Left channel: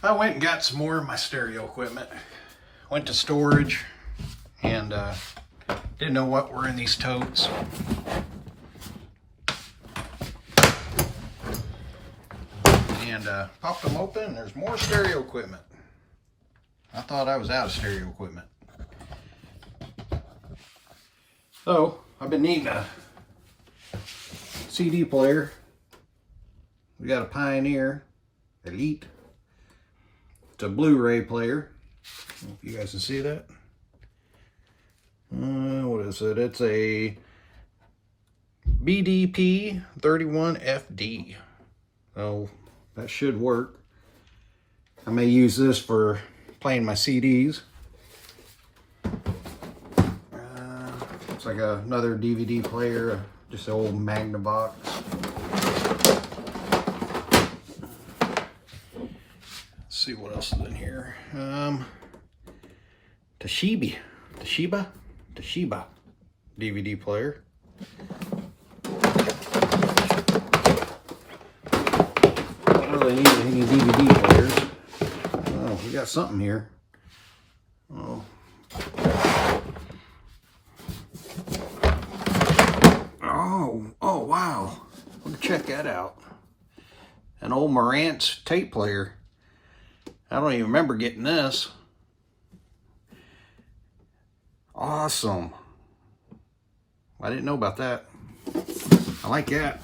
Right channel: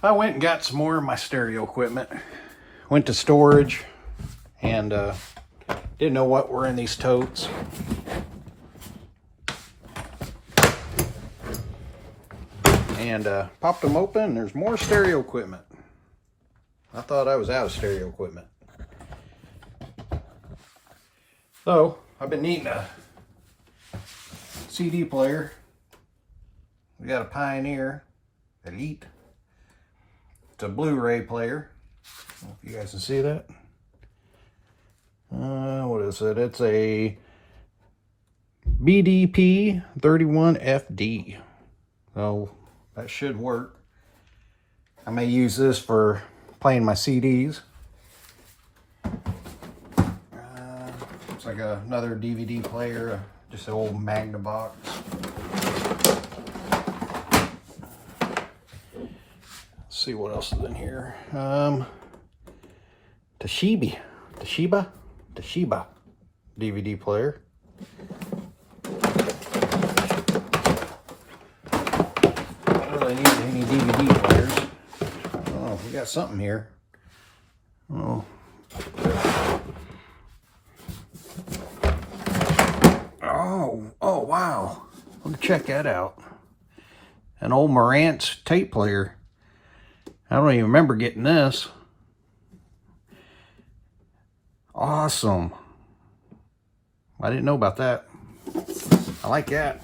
I went and got some more of my stereo equipment. Went to storage and didn't know what were in these totes. And popped them open and there's more stereo equipment. I thought I was out of stereo equipment. So I've been needing a CD player. We got a Pioneer Elite. It's a Blu-ray player. I don't know if you guys can see that. What is it? It's a BDP 31FD. So that should work. I may use this for playing my CDs. It's like another DVD player, just an old Magnavox. Let's see what else is in here. Toshiba DVD player. Don't really need any DVD players. Oh, we got something here. Oh. Oh, wow. Let me check that out. An old Marantz tape player. I don't even remember getting this. Awesome. I didn't know about that. I like that.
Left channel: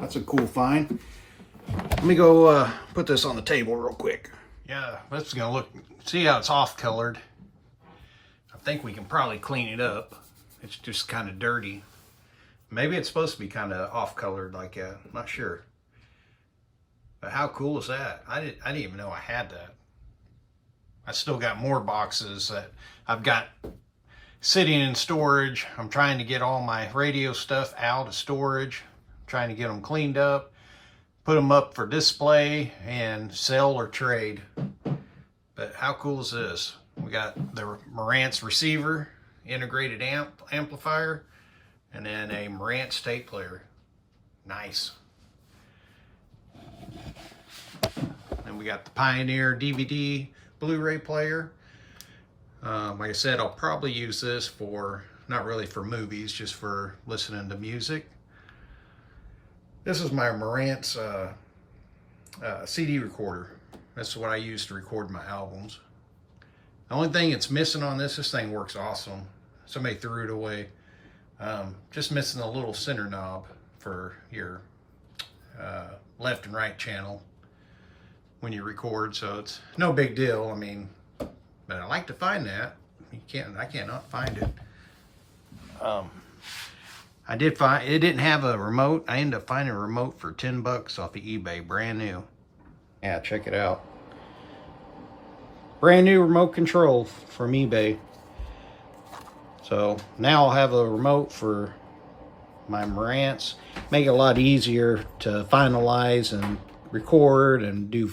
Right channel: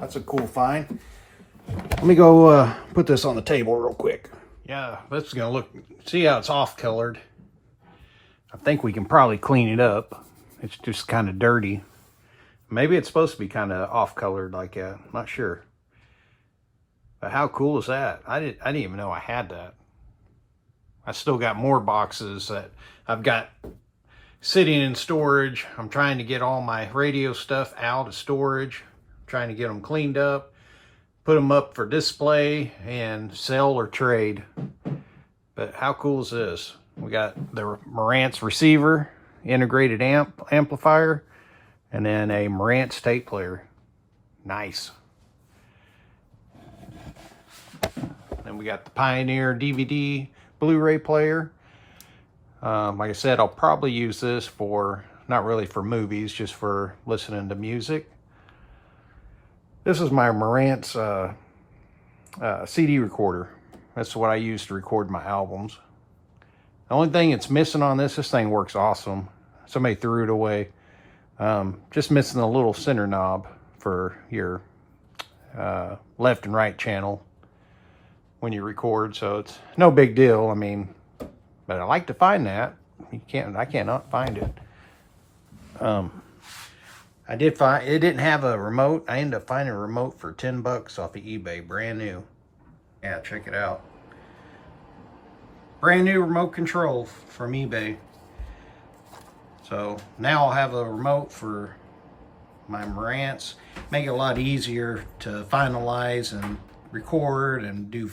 That's a cool find. Let me go put this on the table real quick. Yeah, that's gonna look, see how it's off colored. I think we can probably clean it up. It's just kind of dirty. Maybe it's supposed to be kind of off colored like that. I'm not sure. But how cool is that? I didn't even know I had that. I still got more boxes that I've got sitting in storage. I'm trying to get all my radio stuff out of storage. I'm trying to get them cleaned up, put them up for display and sell or trade. But how cool is this? We got the Marantz receiver, integrated amplifier, and then a Marantz tape player. Nice. Then we got the Pioneer DVD Blu-ray player. Like I said, I'll probably use this for, not really for movies, just for listening to music. This is my Marantz CD recorder. That's what I use to record my albums. The only thing it's missing on this thing works awesome. Somebody threw it away. Just missing the little center knob for your left and right channel when you record, so it's no big deal. I mean, but I like to find that. I cannot find it. I did find, it didn't have a remote. I ended up finding a remote for 10 bucks off of eBay, brand new. Yeah, check it out. Brand new remote control from eBay. So now I'll have a remote for my Marantz. Make it a lot easier to finalize and record and do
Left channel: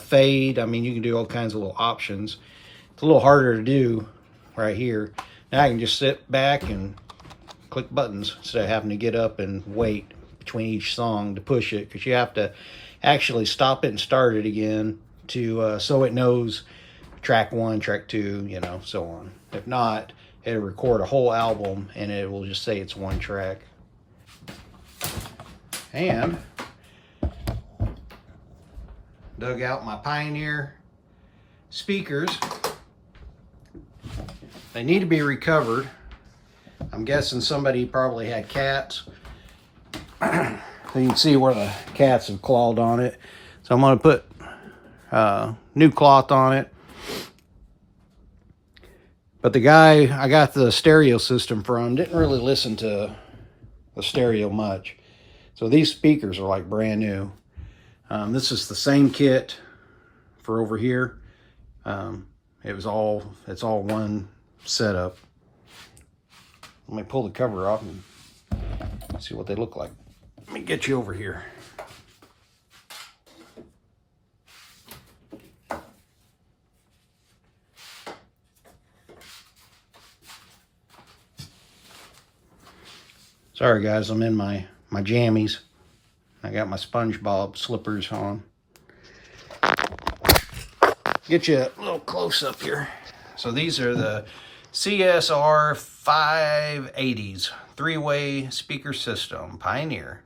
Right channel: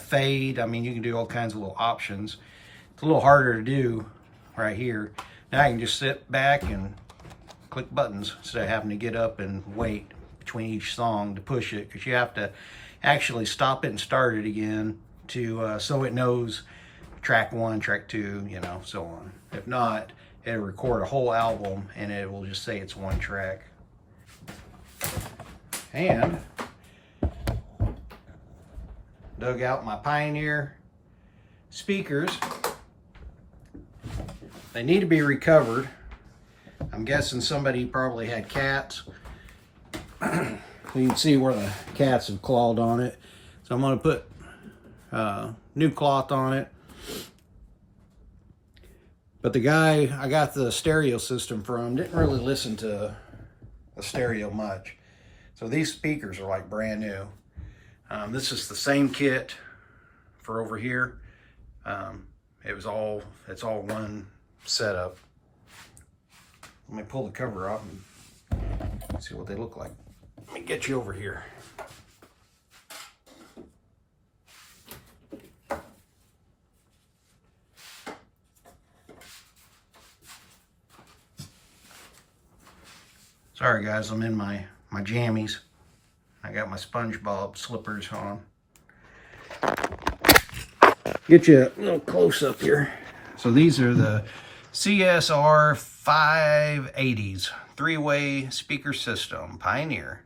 fade. I mean, you can do all kinds of little options. It's a little harder to do right here. Now I can just sit back and click buttons instead of having to get up and wait between each song to push it, because you have to actually stop it and start it again to so it knows track 1, track 2, you know, so on. If not, it'll record a whole album and it will just say it's one track. And dug out my Pioneer speakers. They need to be recovered. I'm guessing somebody probably had cats. You can see where the cats have clawed on it. So I'm going to put new cloth on it. But the guy I got the stereo system from didn't really listen to the stereo much. So these speakers are like brand new. This is the same kit for over here. It's all one setup. Let me pull the cover off and see what they look like. Let me get you over here. Sorry guys, I'm in my jammies. I got my SpongeBob slippers on. get you a little close up here. So these are the CSR 580s, three-way speaker system, Pioneer.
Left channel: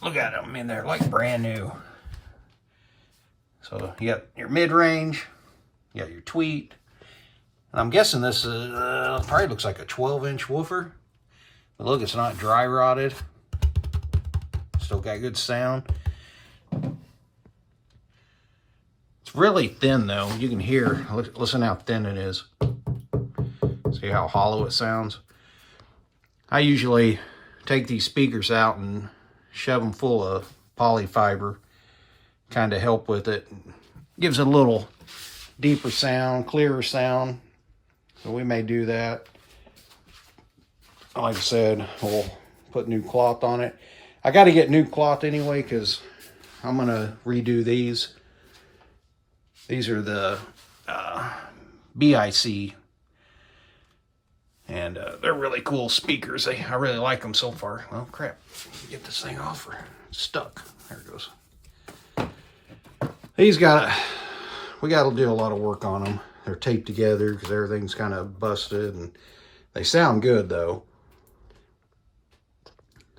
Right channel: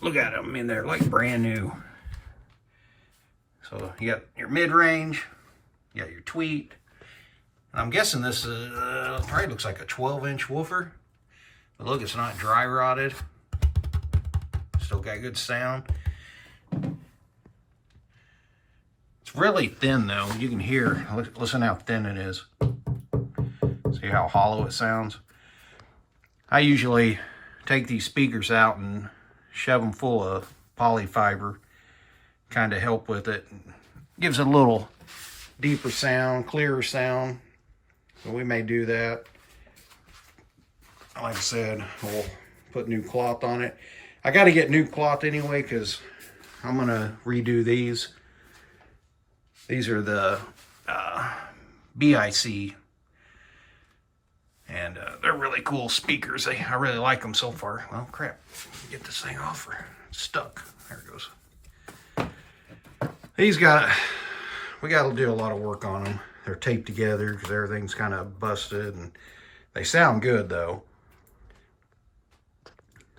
Look at them, I mean, they're like brand new. So you got your mid-range, you got your tweet. I'm guessing this is, probably looks like a 12-inch woofer. But look, it's not dry rotted. Still got good sound. It's really thin though. You can hear, listen how thin it is. See how hollow it sounds? I usually take these speakers out and shove them full of polyfiber, kind of help with it. Gives it a little deeper sound, clearer sound. So we may do that. Like I said, we'll put new cloth on it. I got to get new cloth anyway because I'm going to redo these. These are the BIC. And they're really cool speakers. I really like them so far. Well, crap. Get this thing off. It's stuck. There it goes. We got to do a lot of work on them. They're taped together because everything's kind of busted. And they sound good, though.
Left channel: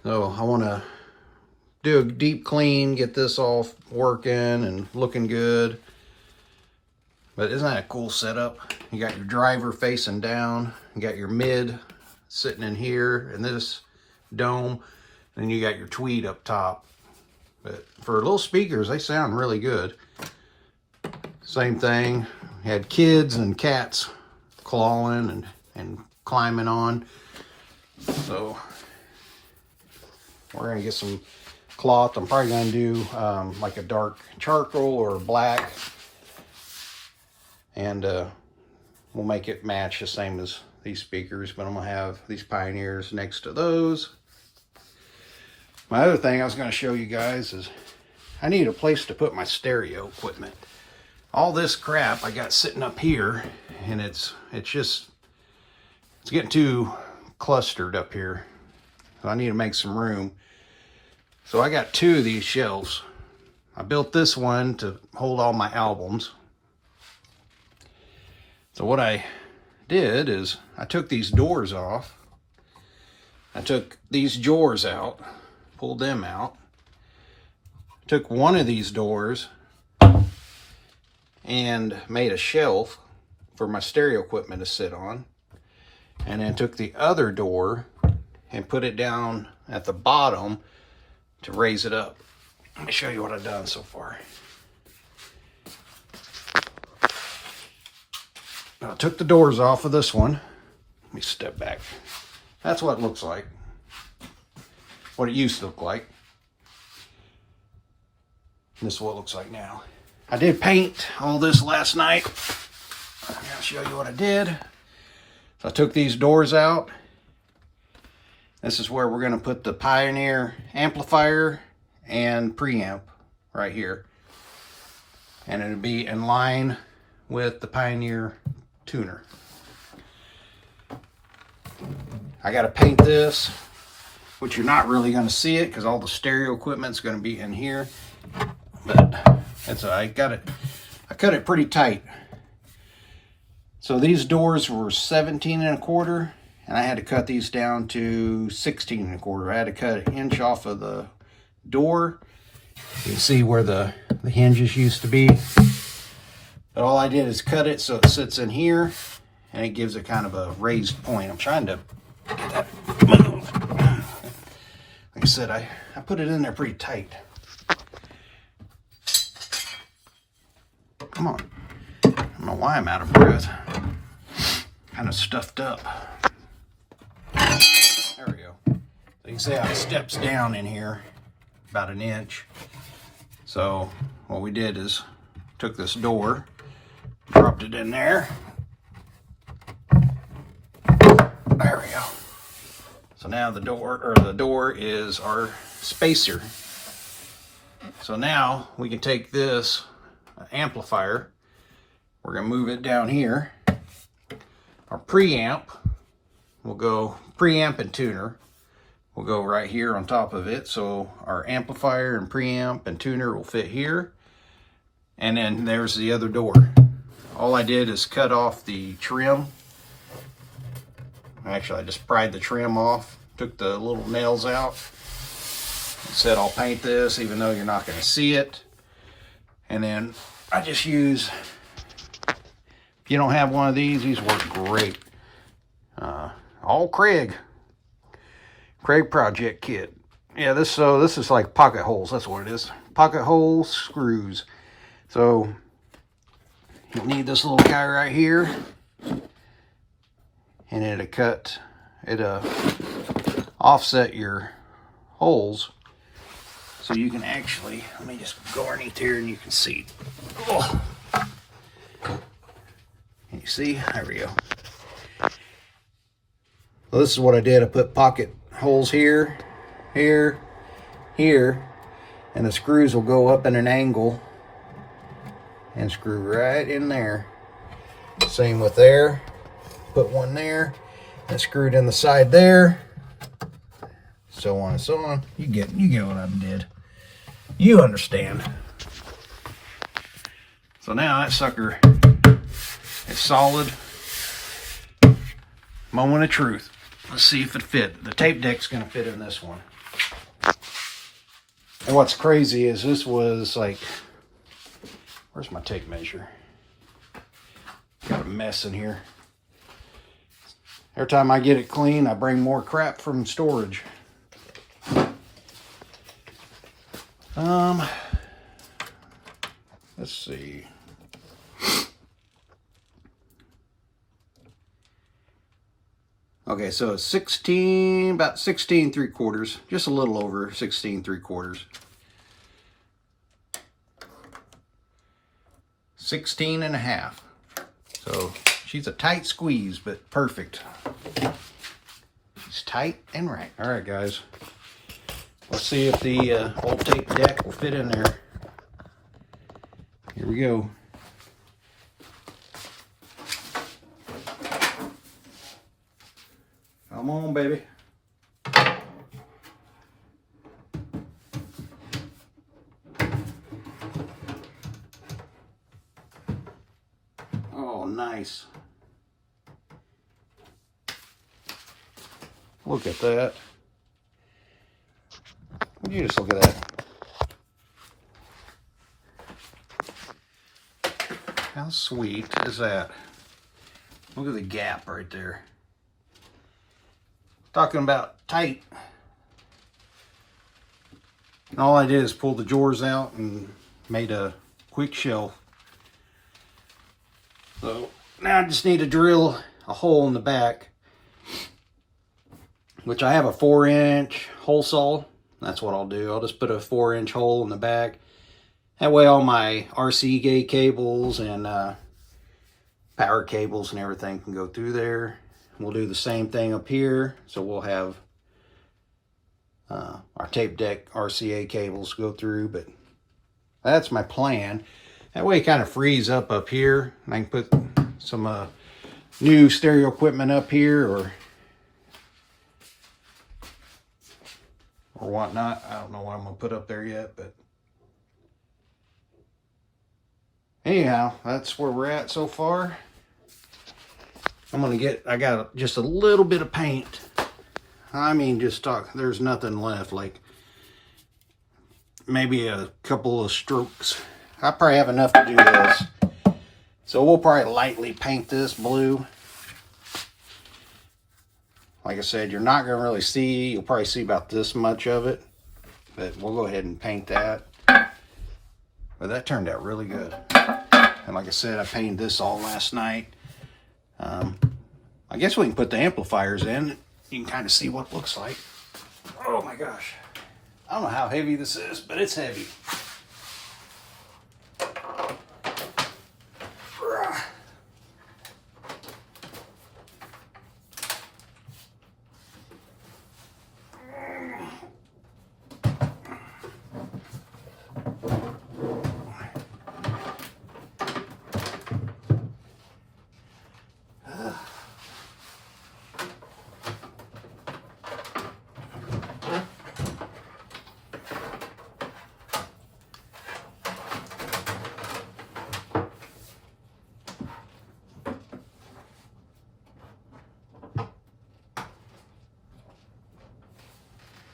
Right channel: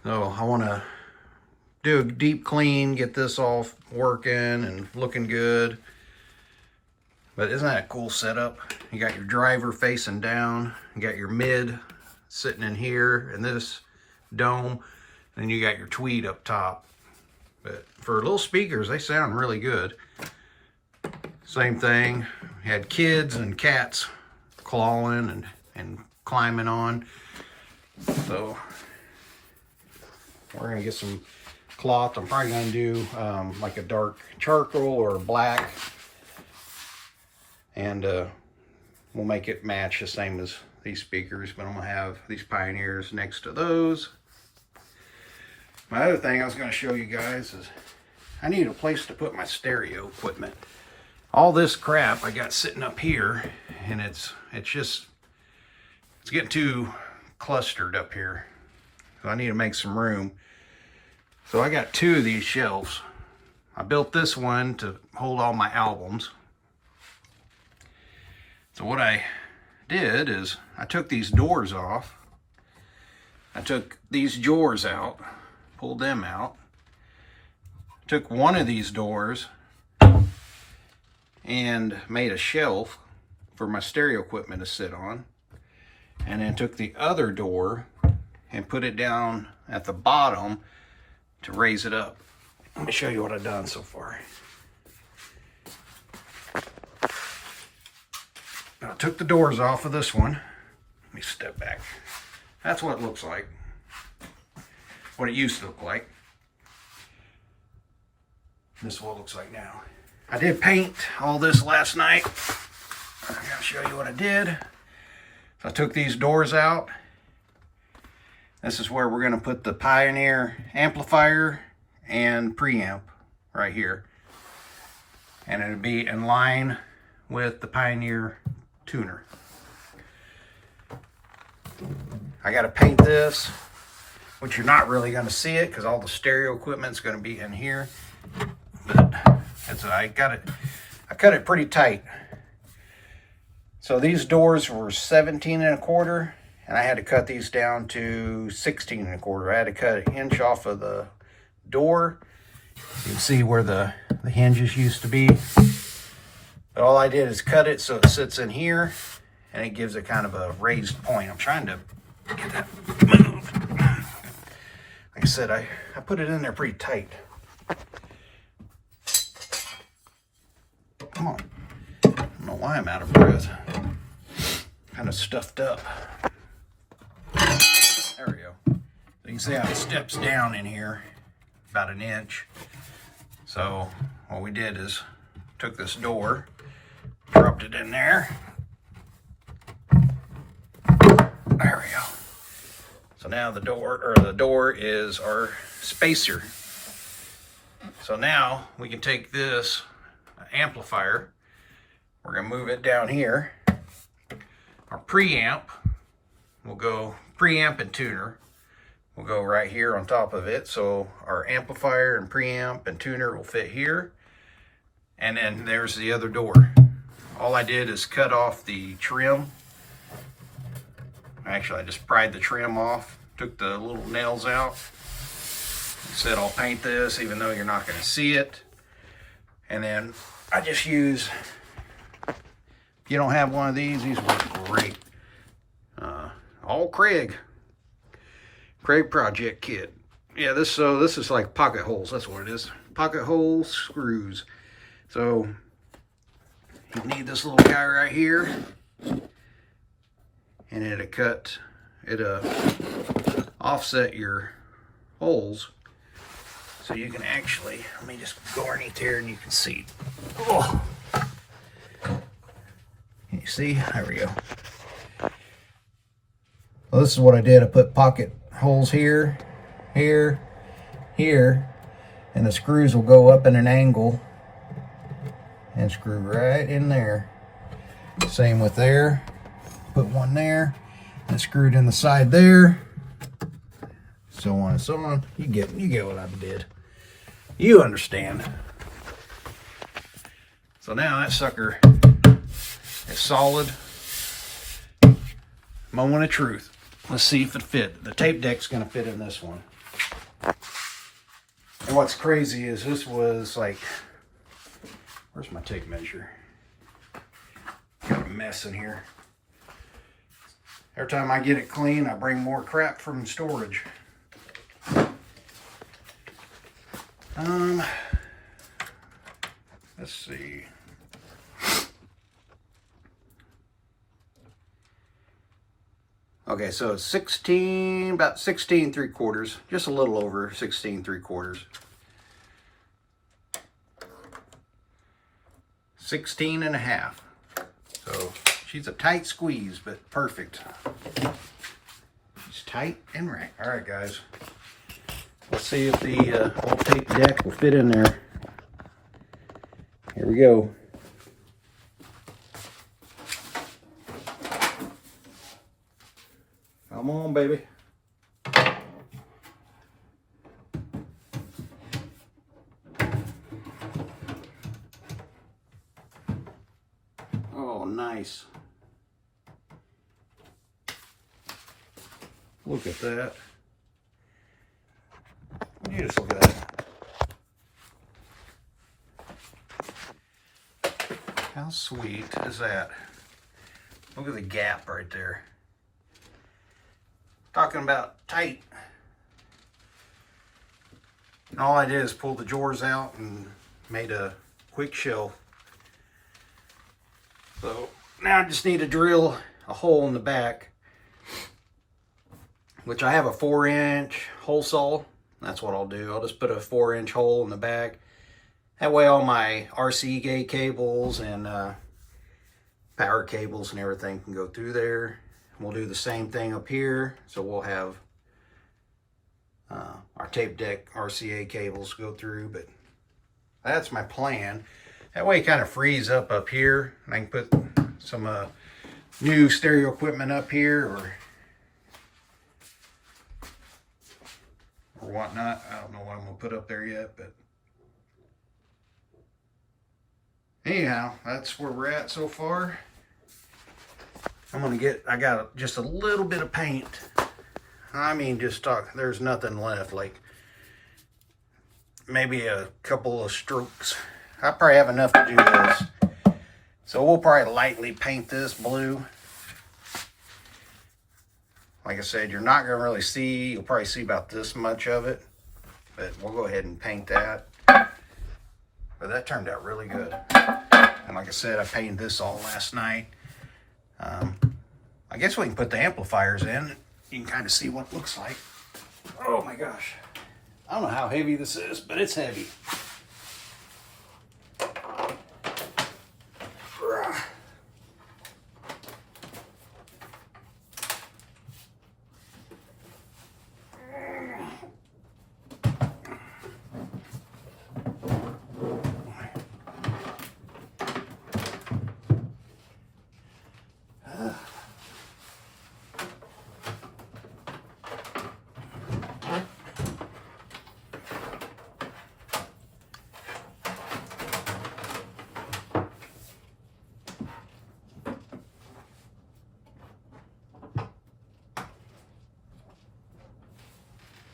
So I want to do a deep clean, get this all working and looking good. But isn't that a cool setup? You got your driver facing down, you got your mid sitting in here in this dome, and you got your tweed up top. But for little speakers, they sound really good. Same thing, had kids and cats clawing and climbing on. So we're gonna get some cloth. I'm probably gonna do like a dark charcoal or black, and we'll make it match the same as these speakers, but I'm gonna have these Pioneers next to those. My other thing I was gonna show you guys is I need a place to put my stereo equipment. All this crap I got sitting up here, and it's getting too clustered up here. So I need to make some room. So I got two of these shelves. I built this one to hold all my albums. So what I did is I took these doors off. I took these drawers out, pulled them out. Took one of these doors and made a shelf for my stereo equipment to sit on. And then took the other door and put it down at the bottom to raise it up. Let me show you what I've done so far. I took the doors off of this one. Let me step back. That's what it looks like. What it used to look like. This is what it looks like now. I did paint all this last night. I'll show you what I did. So I took these doors out. This is where we're going to put the Pioneer amplifier and preamp right here. And it'll be in line with the Pioneer tuner. I got to paint this, which you're not really going to see it because all the stereo equipment's going to be in here. But that's I cut it pretty tight. So these doors were 17 1/4, and I had to cut these down to 16 1/4. I had to cut an inch off of the door. You can see where the hinges used to be. But all I did is cut it so it sits in here, and it gives it kind of a raised point. I'm trying to get that move. Like I said, I put it in there pretty tight. Come on. I don't know why I'm out of breath. Kind of stuffed up. There we go. So you can see how it steps down in here about an inch. So what we did is took this door, dropped it in there. There we go. So now the door is our spacer. So now we can take this amplifier. We're going to move it down here. Our preamp will go, preamp and tuner will go right here on top of it. So our amplifier and preamp and tuner will fit here. And then there's the other door. All I did is cut off the trim. Actually, I just pried the trim off, took the little nails out. Said I'll paint this even though you're not going to see it. And then I just use, if you don't have one of these work great. All Craig Project Kit. Yeah, this is like pocket holes. That's what it is. Pocket hole screws. So you need this little guy right here, and it'll offset your holes, so you can actually, let me just go underneath here and you can see. Oh. Can you see? There we go. Well, this is what I did. I put pocket holes here, here, here, and the screws will go up in an angle and screw right in there. Same with there. Put one there and screwed in the side there. So on and so on. You get what I did. You understand. So now that sucker is solid. Moment of truth. Let's see if it fit. The tape deck's gonna fit in this one. And what's crazy is this was like, where's my tape measure? Got a mess in here. Every time I get it clean, I bring more crap from storage. Let's see. Okay, so it's 16, about 16 3/4, just a little over 16 3/4. 16 and a half. So she's a tight squeeze, but perfect. She's tight and right. All right, guys. Let's see if the old tape deck will fit in there. Here we go. Come on, baby. Oh, nice. Look at that. You just look at that. How sweet is that? Look at the gap right there. Talking about tight. And all I did is pull the drawers out and made a quick shelf. So now I just need to drill a hole in the back, which I have a 4-inch hole saw. That's what I'll do. I'll just put a 4-inch hole in the back. That way all my RC gate cables and power cables and everything can go through there. We'll do the same thing up here. So we'll have our tape deck RCA cables go through, but that's my plan. That way it kind of frees up here, and I can put some new stereo equipment up here or whatnot. I don't know what I'm gonna put up there yet, but anyhow, that's where we're at so far. I got just a little bit of paint. I mean, there's nothing left, like maybe a couple of strokes. I probably have enough to do this. So we'll probably lightly paint this blue. Like I said, you're not gonna really see, you'll probably see about this much of it, but we'll go ahead and paint that. But that turned out really good. And like I said, I painted this all last night. I guess we can put the amplifiers in. You can kind of see what it looks like. Oh my gosh. I don't know how heavy this is, but it's heavy.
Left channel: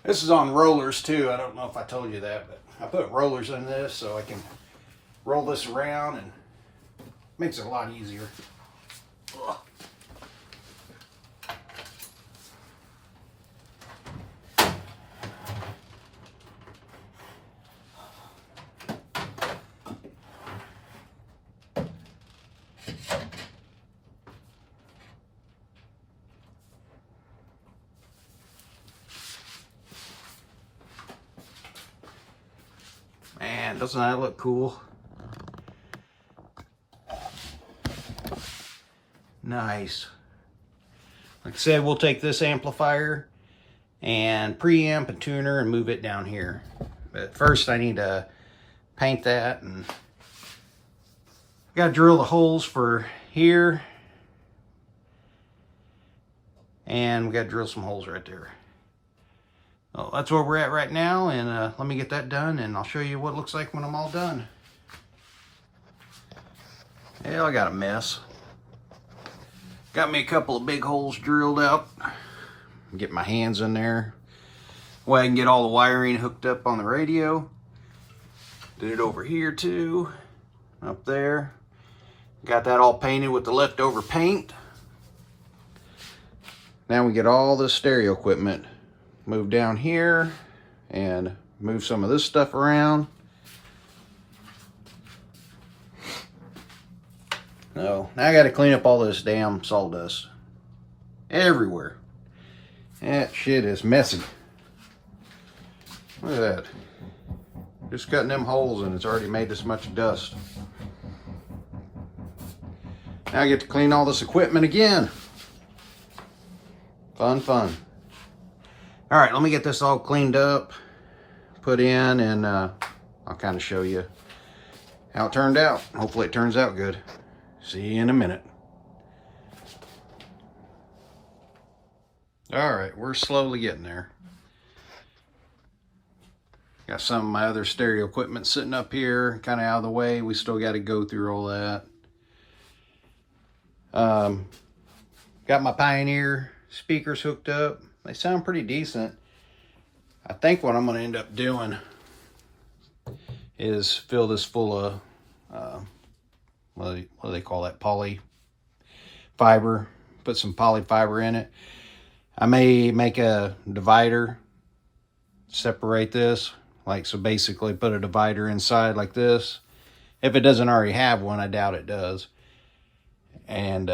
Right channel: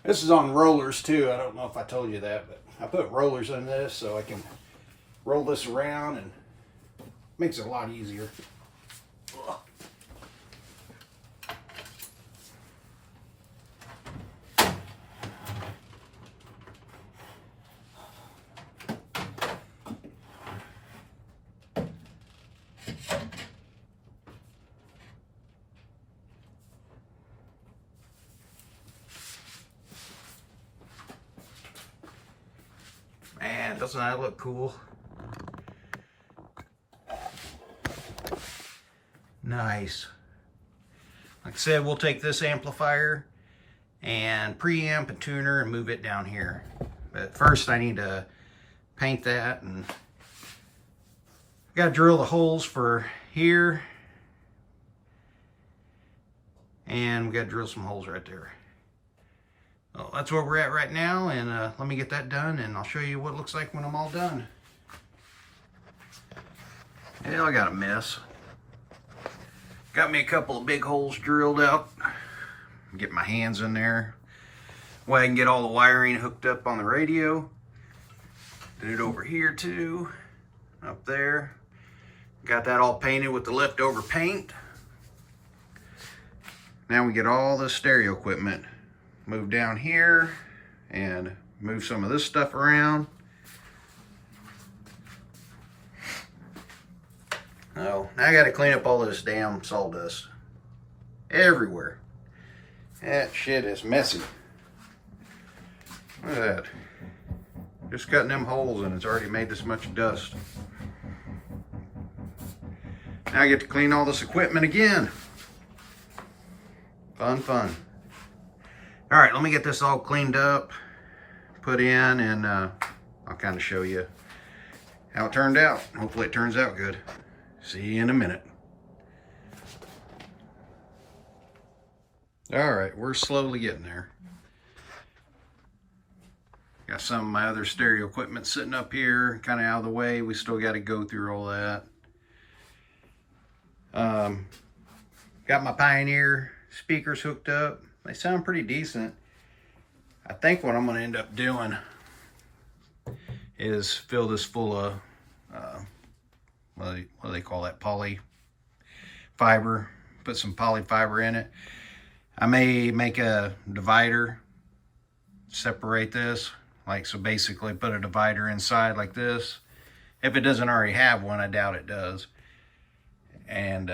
This is on rollers too. I don't know if I told you that, but I put rollers in this so I can roll this around and makes it a lot easier. Ugh. Man, doesn't that look cool? Nice. Like I said, we'll take this amplifier and preamp and tuner and move it down here. But first I need to paint that, and gotta drill the holes for here. And we gotta drill some holes right there. Well, that's where we're at right now, and let me get that done and I'll show you what it looks like when I'm all done. Hell, I got a mess. Got me a couple of big holes drilled out. Get my hands in there. Way I can get all the wiring hooked up on the radio. Did it over here too. Up there. Got that all painted with the leftover paint. Now we get all the stereo equipment moved down here and move some of this stuff around. So now I got to clean up all this damn sawdust everywhere. That shit is messy. Look at that. Just cutting them holes and it's already made this much dust. Now I get to clean all this equipment again. Fun, fun. All right, let me get this all cleaned up, put in, and I'll kind of show you how it turned out. Hopefully it turns out good. See you in a minute. All right, we're slowly getting there. Got some of my other stereo equipment sitting up here, kind of out of the way. We still got to go through all that. Got my Pioneer speakers hooked up. They sound pretty decent. I think what I'm going to end up doing is fill this full of, what do they call that? Poly fiber. Put some poly fiber in it. I may make a divider, separate this. Like, so basically put a divider inside like this. If it doesn't already have one, I doubt it does. And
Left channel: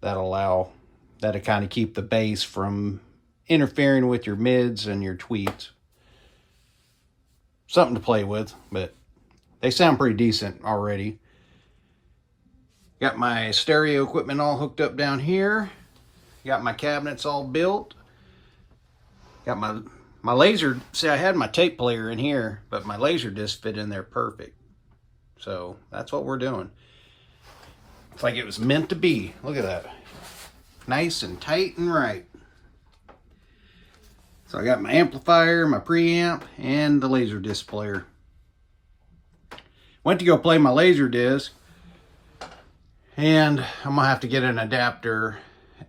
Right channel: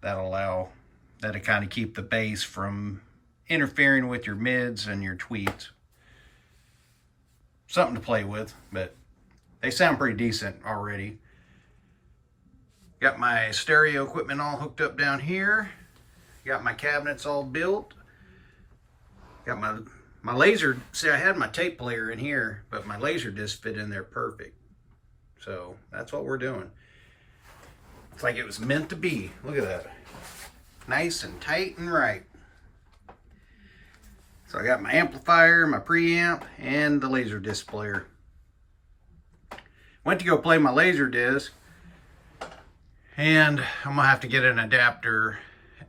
that'll kind of keep the bass from interfering with your mids and your tweets. Something to play with, but they sound pretty decent already. Got my stereo equipment all hooked up down here. Got my cabinets all built. Got my laser, see, I had my tape player in here, but my laser disc fit in there perfect. So that's what we're doing. It's like it was meant to be. Look at that. Nice and tight and right. So I got my amplifier, my preamp, and the laser disc player. Went to go play my laser disc, and I'm gonna have to get an adapter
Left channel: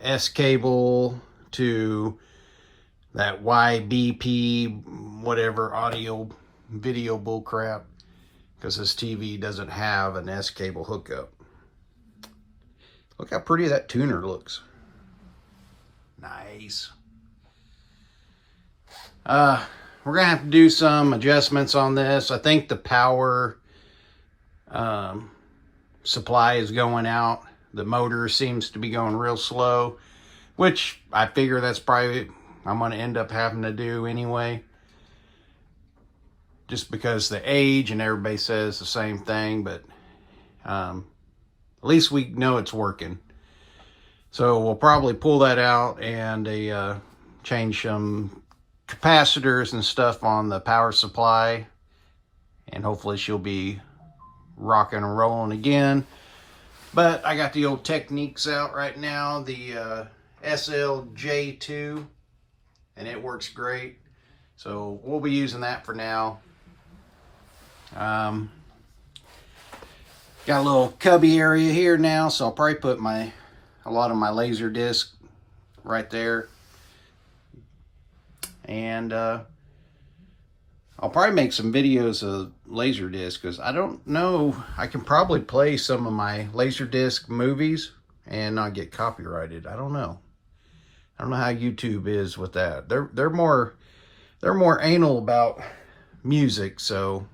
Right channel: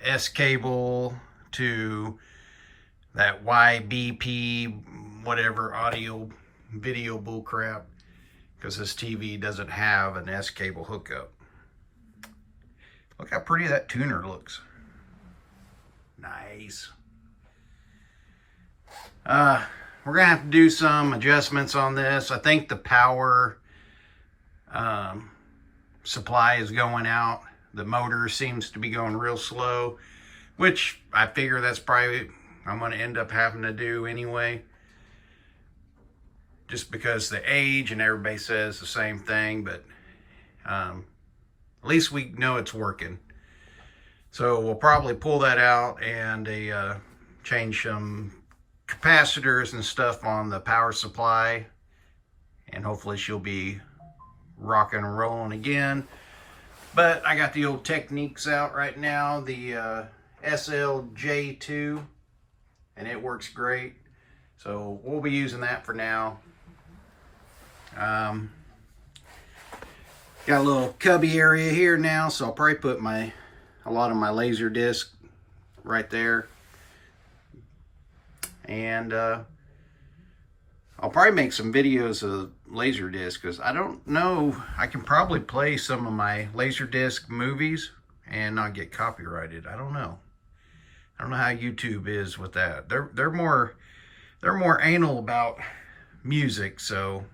S cable to that YBP whatever audio video bullcrap, because this TV doesn't have an S cable hookup. Look how pretty that tuner looks. Nice. We're gonna have to do some adjustments on this. I think the power supply is going out. The motor seems to be going real slow, which I figure that's probably I'm gonna end up having to do anyway, just because the age, and everybody says the same thing, but at least we know it's working. So we'll probably pull that out and change some capacitors and stuff on the power supply, and hopefully she'll be rocking and rolling again. But I got the old Techniques out right now, the SLJ2, and it works great. So we'll be using that for now. Got a little cubby area here now, so I'll probably put a lot of my laser disc right there. And I'll probably make some videos of Laserdisc, because I don't know, I can probably play some of my Laserdisc movies and not get copyrighted. I don't know. I don't know how YouTube is with that. They're more anal about music, so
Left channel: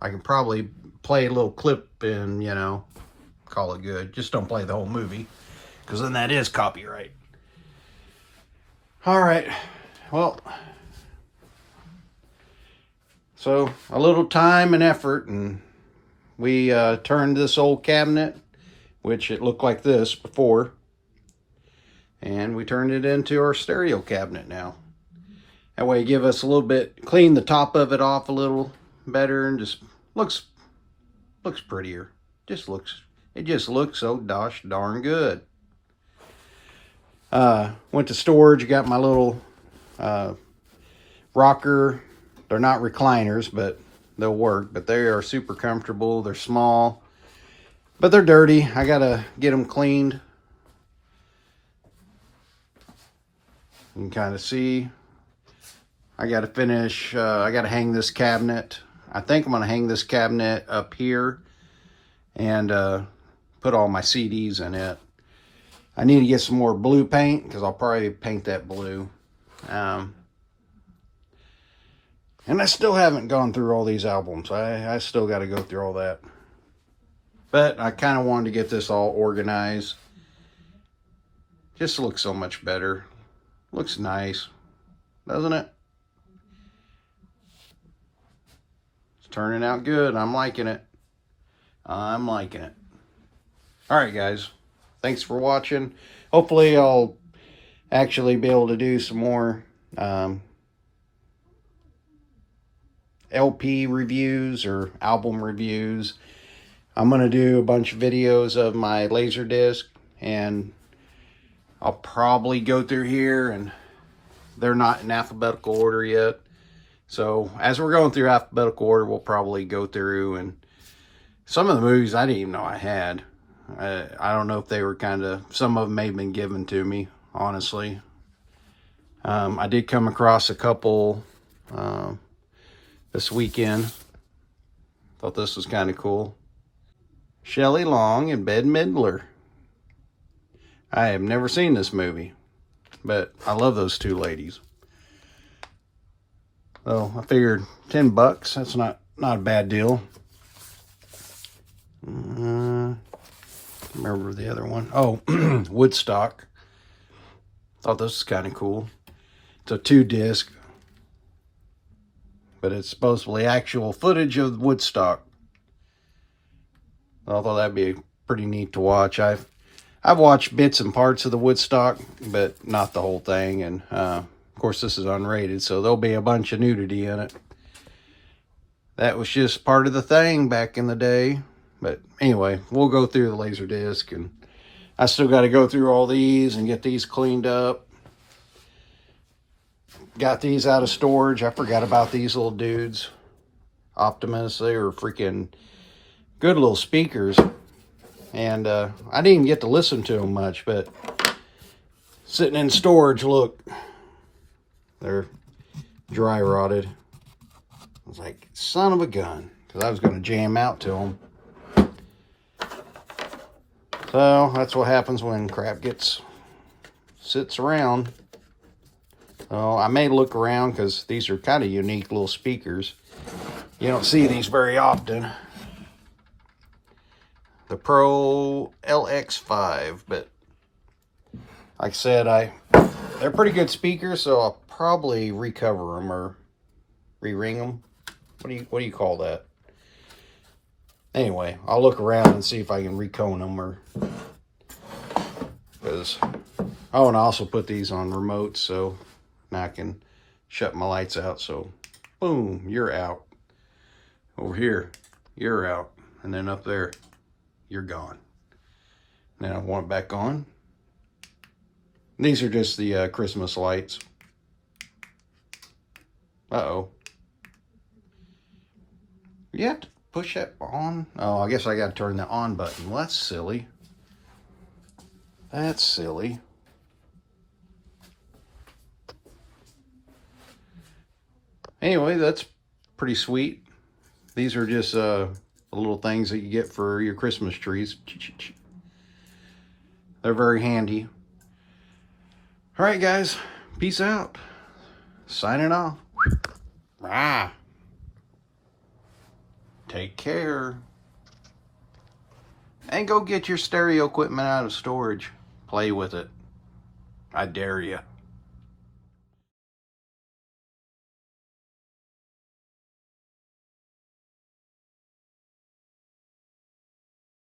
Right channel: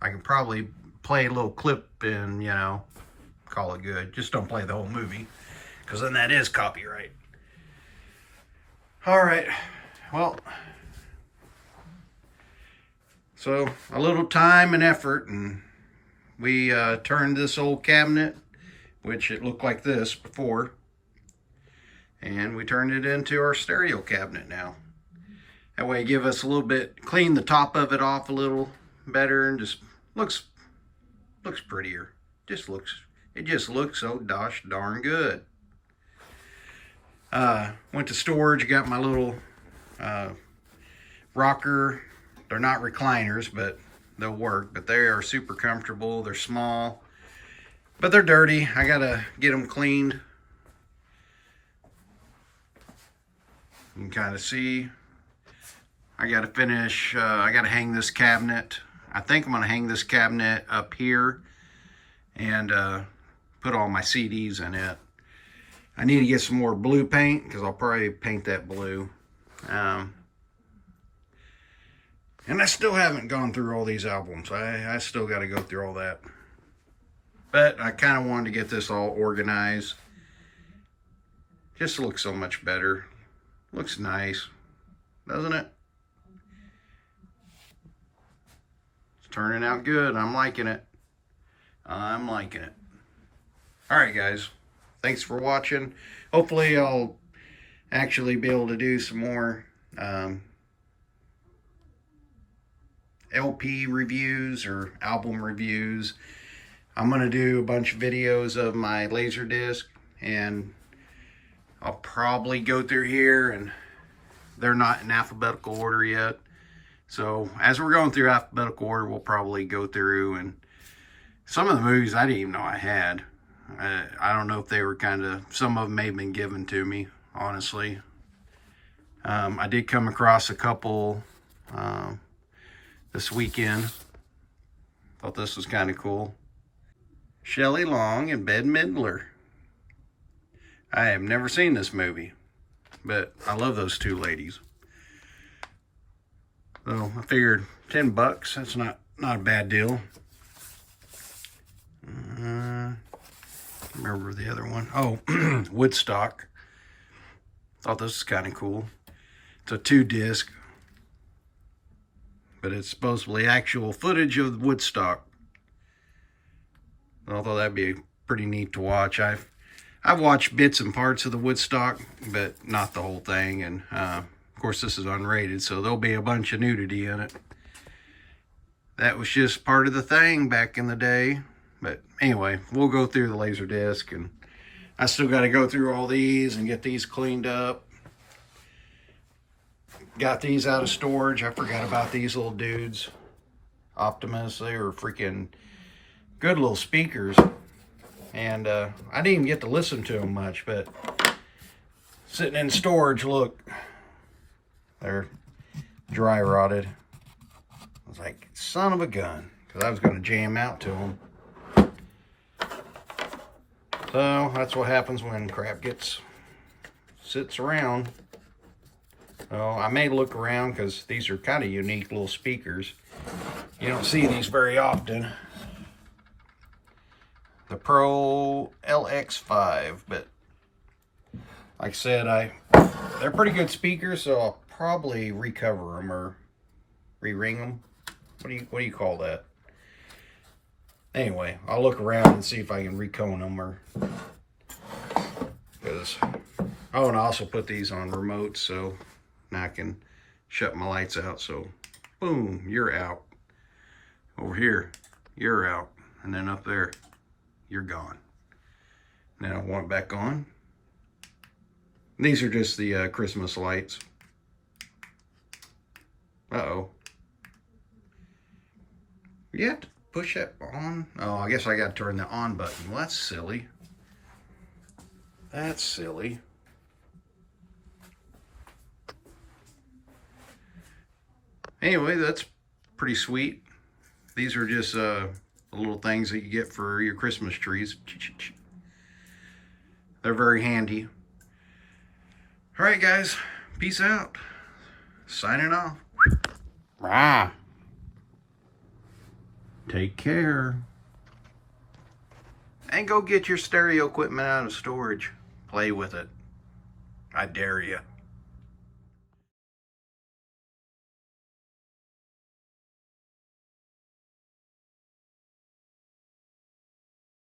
I can probably play a little clip and, you know, call it good. Just don't play the whole movie, because then that is copyright. All right, well, so a little time and effort, and we turned this old cabinet, which it looked like this before, and we turned it into our stereo cabinet now. That way, give us a little bit, clean the top of it off a little better, and just looks prettier. It just looks so gosh darn good. Went to storage, got my little rocker. They're not recliners, but they'll work. But they are super comfortable. They're small, but they're dirty. I gotta get them cleaned. You can kind of see. I gotta finish. I gotta hang this cabinet. I think I'm gonna hang this cabinet up here and put all my CDs in it. I need to get some more blue paint, because I'll probably paint that blue. And I still haven't gone through all these albums. I still got to go through all that. But I kind of wanted to get this all organized. Just looks so much better. Looks nice, doesn't it? It's turning out good. I'm liking it. I'm liking it. All right, guys. Thanks for watching. Hopefully I'll actually be able to do some more LP reviews or album reviews. I'm going to do a bunch of videos of my Laserdisc, and I'll probably go through here, and they're not in alphabetical order yet. So as we're going through alphabetical order, we'll probably go through, and some of the movies I didn't even know I had. I don't know if they were some of them may have been given to me, honestly. I did come across a couple this weekend. Thought this was kind of cool. Shelley Long and Bette Midler. I have never seen this movie, but I love those two ladies. So I figured $10, that's not a bad deal. Remember the other one? Oh, Woodstock. Thought this was kind of cool. It's a 2-disc, but it's supposedly actual footage of Woodstock. I thought that'd be pretty neat to watch. I've watched bits and parts of the Woodstock, but not the whole thing. And of course, this is unrated, so there'll be a bunch of nudity in it. That was just part of the thing back in the day. But anyway, we'll go through the Laserdisc, and I still got to go through all these and get these cleaned up. Got these out of storage. I forgot about these little dudes. Optimus, they were freaking good little speakers. And I didn't even get to listen to them much, but sitting in storage, look, they're dry rotted. I was like, son of a gun, because I was going to jam out to them. So that's what happens when crap sits around. So I may look around, because these are kind of unique little speakers. You don't see these very often. The Pro LX5, but like I said, they're pretty good speakers, so I'll probably recover them or re-ring them. What do you call that? Anyway, I'll look around and see if I can recone them, or because I want to also put these on remotes, so now I can shut my lights out. So boom, you're out. Over here, you're out, and then up there, you're gone. Then I want it back on. These are just the Christmas lights. Uh-oh. You have to push that on. Oh, I guess I got to turn the on button. Well, that's silly. That's silly. Anyway, that's pretty sweet. These are just the little things that you get for your Christmas trees. They're very handy. All right, guys. Peace out. Signing off. Rah. Take care. And go get your stereo equipment out of storage. Play with it. I dare you.